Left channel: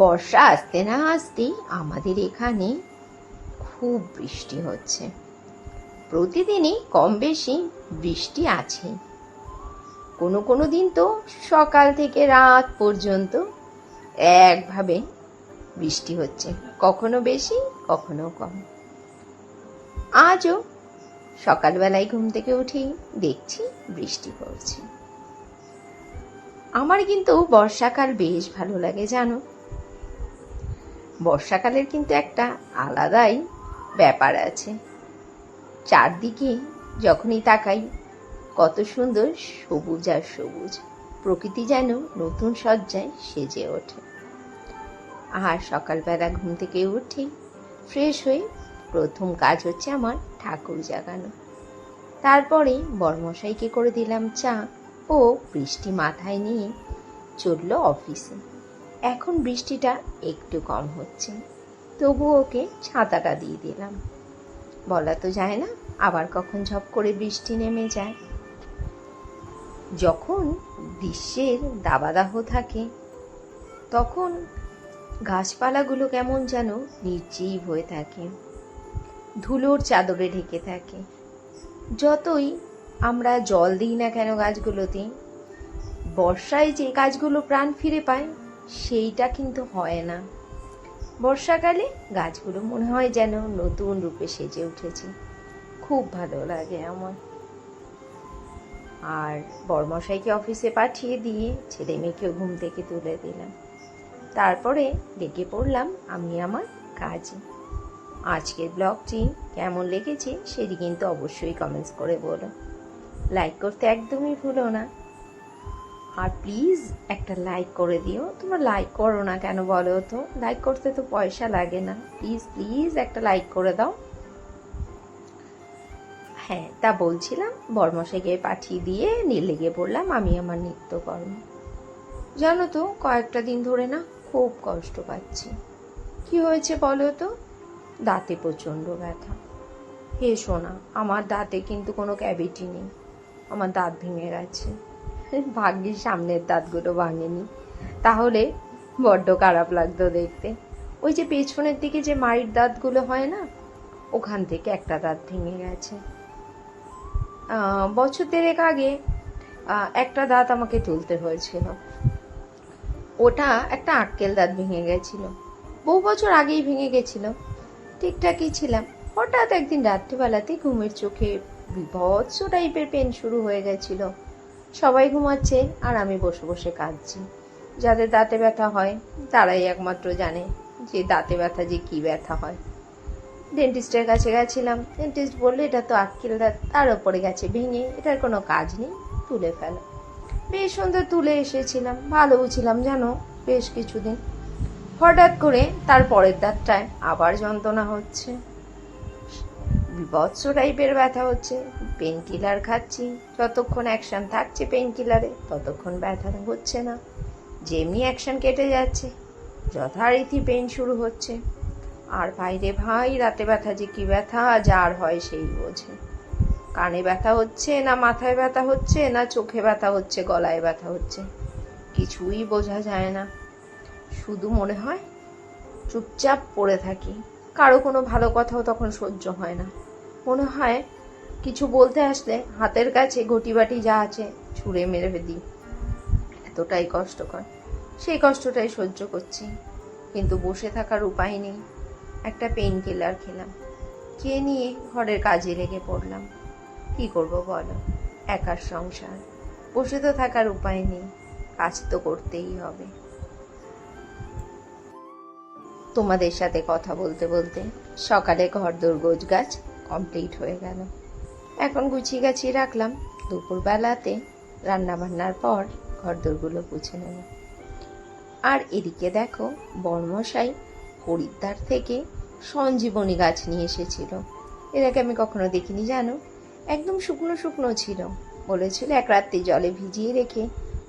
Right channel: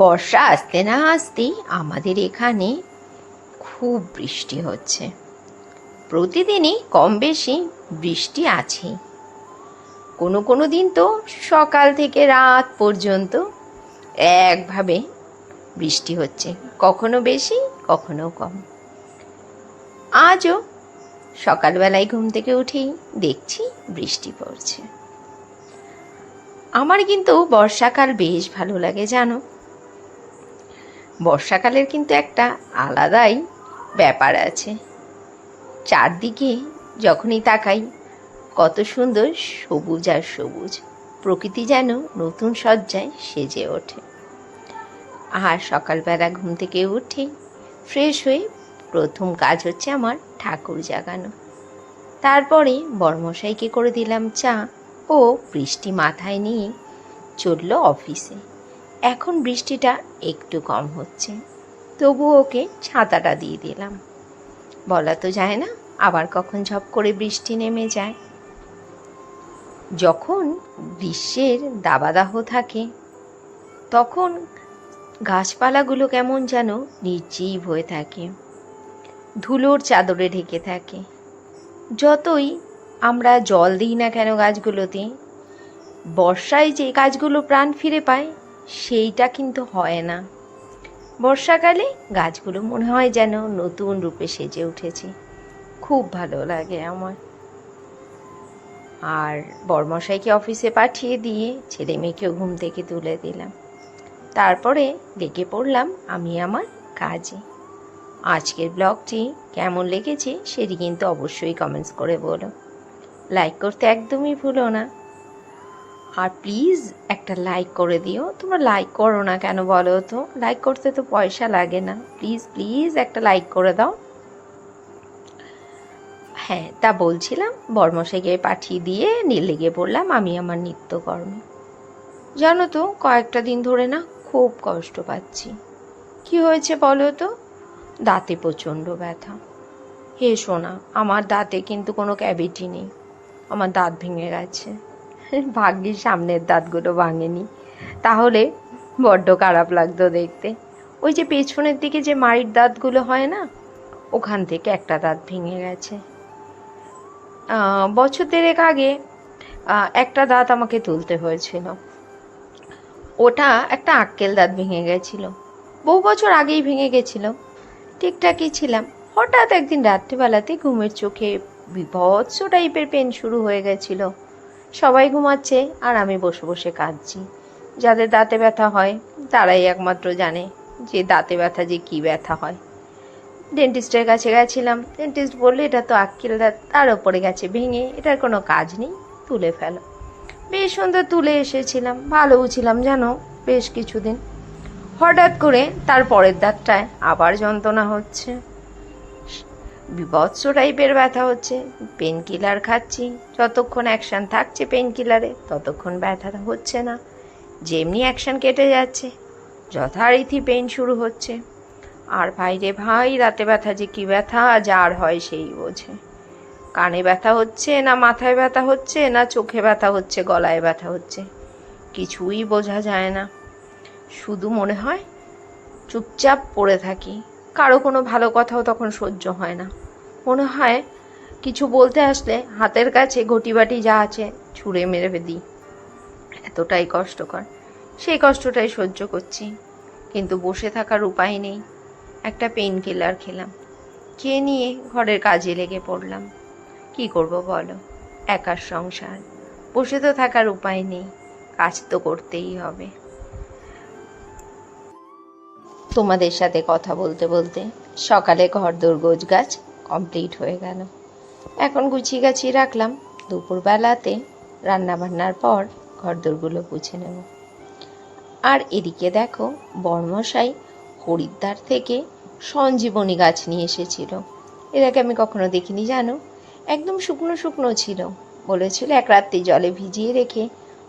বর্ষা আসতে না আসতেই আমাদের এখানে খুব বৃষ্টি হচ্ছে। প্রতিদিনই কম বেশি বৃষ্টি আছেই। কোনো কোনো দিন তো সকাল থেকে রাত পর্যন্ত একভাবে বৃষ্টি হচ্ছে, কখনো বেশি কখনো কম। আজও সকালবেলায় ঘুম থেকে উঠেই দেখছি বৃষ্টি পড়ছে। আমার কিন্তু বর্ষাকাল বেশ ভালো লাগে জানো। বর্ষাকালের কিন্তু একটা আলাদাই ব্যাপার আছে। চারদিকে যখনই তাকাই কত সুন্দর সবুজ আর সবুজ, প্রকৃতি যেন নতুন সজ্জায় সেজে ওঠে। আর সকালবেলা ঘুম থেকে উঠে ফ্রেশ হয়ে প্রথম কাজ হচ্ছে আমার ঠাকুর জাগানো। তারপরে বড়মশাইকে করে দিলাম চা, ও বৃষ্টি মাথায় নিয়ে চলল অফিসে। এখন বৃষ্টিটা একটু কম হচ্ছে, তবু ওকে ছাতাটা দিয়ে দিলাম। বলা তো যায় না আবার কখন ঝপ করে বৃষ্টি নেমে যায়। যখন গ্রীষ্মের দাবাদাহ থাকে তখন গাছপালাগুলো কেমন যেন নির্জীব হয়ে থাকে, ধুলোর চাদরে ঢেকে থাকে। যতই আমরা জল দিই না কেন গাছগুলোতে, বর্ষায় যে গাছগুলো প্রাণ ফিরে পায় সেইটা কিন্তু হয় না। বর্ষাকালে গাছগুলো মনে হয় যেন নতুন রূপে সেজে উঠেছে। খুব ভালো লাগে আমার। আর বড়মশাইকে অফিসে পাঠিয়ে দিয়ে ছেলে মেয়েকেও ঘুম থেকে তুলে দিলাম। তারপরে লেগে পড়লাম আমি আমার কাজে। আজকের ব্লগটি কেমন লেগেছে সেটি কিন্তু অবশ্যই কমেন্টস করে বলো। লাইক করতে একদমই ভুলো না। আর প্লিজ একটা লাইক করে দিও। তোমরা লাইক করো না কেন বলো তো? লাইক করতে তো পয়সা লাগে না। প্লিজ প্লিজ একটা লাইক করে দাও। হ্যাঁ, তা বলছিলাম বড়মশাইকে পাঠিয়ে দিয়ে লেগে পড়লাম আমি আমার নিত্যকর্ম। জানো তো কয়েকটা দিন ধরে না খুব কষ্ট পাচ্ছি। কি হয়েছে বলো তো? দাঁতে প্রচণ্ড ব্যথা। হে সোনা, আমার দাঁতে কিন্তু কোনো ক্যাভিটি নেই, আমার দাঁত ভেঙে গেছে। ভাগ্যিস সামনের দাঁতগুলো ভাঙেনি, তাহলে বড্ড খারাপ লাগতো দেখতে। ওই যে পেছনের দিকে যে মাড়ির দাঁতগুলো হয় না, ওখান থেকে একটা দাঁত ভেঙে গেছে। বছর দেড়েক আগে একটা দাঁত আমাকে তুলতে হয়েছিল। ওটা একটা আক্কেল দাঁত ভেঙে গেছিল, বহু বছর আগেই ভেঙে গেছিল। ঠিকঠাকই ছিলাম, হঠাৎ একদিন রাত্রিবেলাতে ঘুমের চোখে বীভৎস টাইপের পেন শুরু হয়ে গেছিল। সবাই ঘুমাচ্ছে আর আমি বসে বসে কাঁদছি। যাদের দাঁতে ব্যথা হয় তারাই একমাত্র জানে যে দাঁতে ব্যথা যে কী ব্যথা হয়। ডেন্টিস্টের কাছে গেছিলাম, ডেন্টিস্ট বললে এটা তো আক্কেল দাঁত, তার ওপরে গেছে ভেঙে, এটার কোনো কাজ নেই, তুলে ফেলো। বেশ সুন্দর তুলে এসেছিলাম, ভালোও ছিলাম জানো বেশ কিছুদিন। হঠাৎ করে তার পরের দাঁতটায় আবার যন্ত্রণা হচ্ছে, বীভৎস টাইপের ব্যথা হচ্ছে। পেন কিলার খাচ্ছি, যতক্ষণ অ্যাকশন থাকছে পেন কিলারে ততক্ষণ ব্যথাটা হচ্ছে না। যেমনি অ্যাকশন কেটে যাচ্ছে যথারীতি পেন শুরু হচ্ছে। আর ভাই রে ভাই, দাঁতে ব্যথা যে কী ব্যথা যার হয় সেই বোঝে। কানে ব্যথা হচ্ছে না মাথায় ব্যথা হচ্ছে না চোখে ব্যথা হচ্ছে গলায় ব্যথা হচ্ছে, কিছুই বোঝা যায় না। শুধু মনে হয় চুপচাপ পড়ে থাকি, কারো কোনো ভালো কথাও তখন সহ্য হয় না। মনে হয় কিছু বলতে আসলে হাতের কাছে ঘটিবাটি যা আছে ছুঁড়ে মেরে দিই, এতটাই কষ্টকর। সেই কষ্টটাই সহ্য করছি, কিন্তু বসে থাকার উপায় নেই। একটা পেন কিলার খেলাম, খেয়ে নিয়ে ঘরের কাজে লেগে পড়লাম। কি করব বলো, একার সংসার, বসে তো থাকার উপায় নেই, কাজ তো করতেই হবে। তোমাদের সাথে কথা বলতে বলতে সকালে ঘরদোর গোছগাছ কমপ্লিট হয়ে গেল। এখন গুছিয়ে গাছিয়ে রাখলাম, দুপুরবেলাতে রান্নাবান্নার পর ঘরদোরগুলো গুছিয়ে নেব। আর এদিকে দেখো বর্মশাই হরিদ্বার থেকে সঞ্জীবনী গাছ নিয়ে এসেছিল। এর আগে আমি কখনো দেখিনি জানো। একদম শুকনো শুকনো ছিল। বলেছিল এক রাত্রি জলে ভিজিয়ে রেখে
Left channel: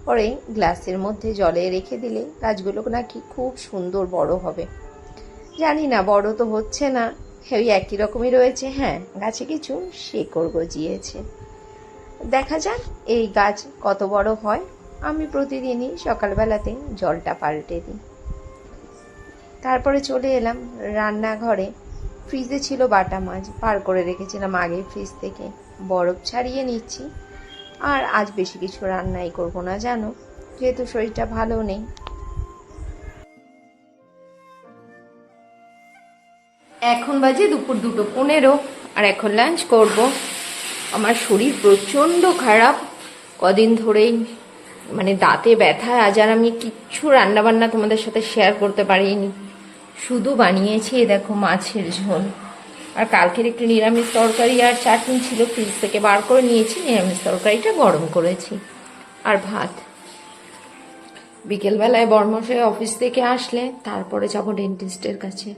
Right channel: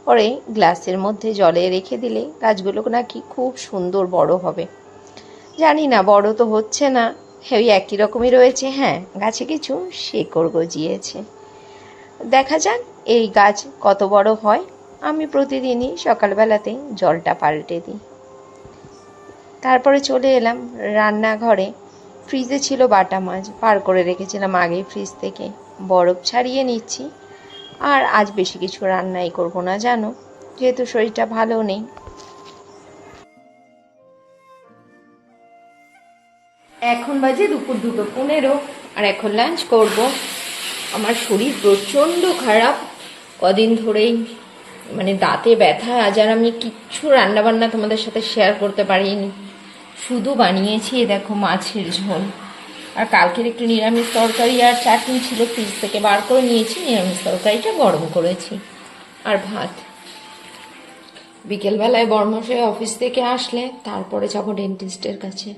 পরে গ্লাসের মধ্যে জলে রেখে দিলে গাছগুলো নাকি খুব সুন্দর বড় হবে। জানি না, বড় তো হচ্ছে না, ওই একই রকমই রয়েছে। হ্যাঁ, গাছে কিছু শেকড় গজিয়েছে। দেখা যাক এই গাছ কত বড় হয়। আমি প্রতিদিনই সকালবেলাতে জলটা পাল্টে দিই। তারপরে চলে এলাম রান্নাঘরে। ফ্রিজে ছিল বাটা মাছ, বার করে রেখেছিলাম আগেই ফ্রিজ থেকে, বরফ ছাড়িয়ে নিচ্ছি। আর আজ বেশি কিছু রান্নাই করব না জানো, যেহেতু শরীরটা ভালো নেই। এখন বাজে দুপুর 2:15, আর এখন লাঞ্চ করব। আমার শরীর প্রচণ্ড খারাপ কদিন ধরেই, মানে দাঁতে ব্যথা। আজ আর আমি কিচ্ছু রান্নাবান্না তোমাদের সাথে শেয়ার করতে পারিনি, শুধু বানিয়েছি দেখো মাছের ঝোল। আর কালকের একটু নিরামিষ তরকারি আর চাটনি ছিল, ফ্রিজ থেকে বার করে নিয়েছি, নিরামিষ তরকারিটা গরম করেছি। আর ভাত। বিকেলবেলায় বর্মশাই অফিস থেকে আসলে তারপরে যাবো ডেন্টিস্টের কাছে।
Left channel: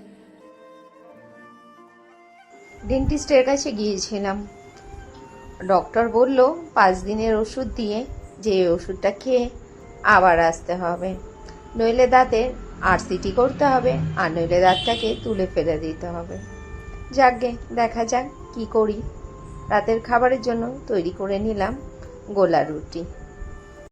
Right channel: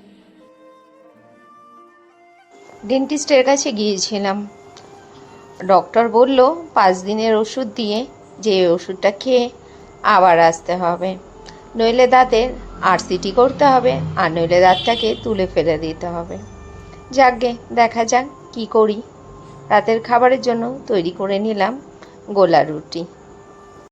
ডেন্টিস্টের কাছে গিয়েছিলাম। ডক্টর বলল 5 দিনের ওষুধ দিয়ে যে ওষুধটা খেয়ে আবার আসতে হবে, নইলে দাঁতের আরসিটি করতে হবে, আর নইলে দাঁতটাকে তুলে ফেলে দিতে হবে। যাকগে, দেখা যাক কি করি। রাতের খাবারের জন্য তৈরি করে নিলাম গোলা রুটি।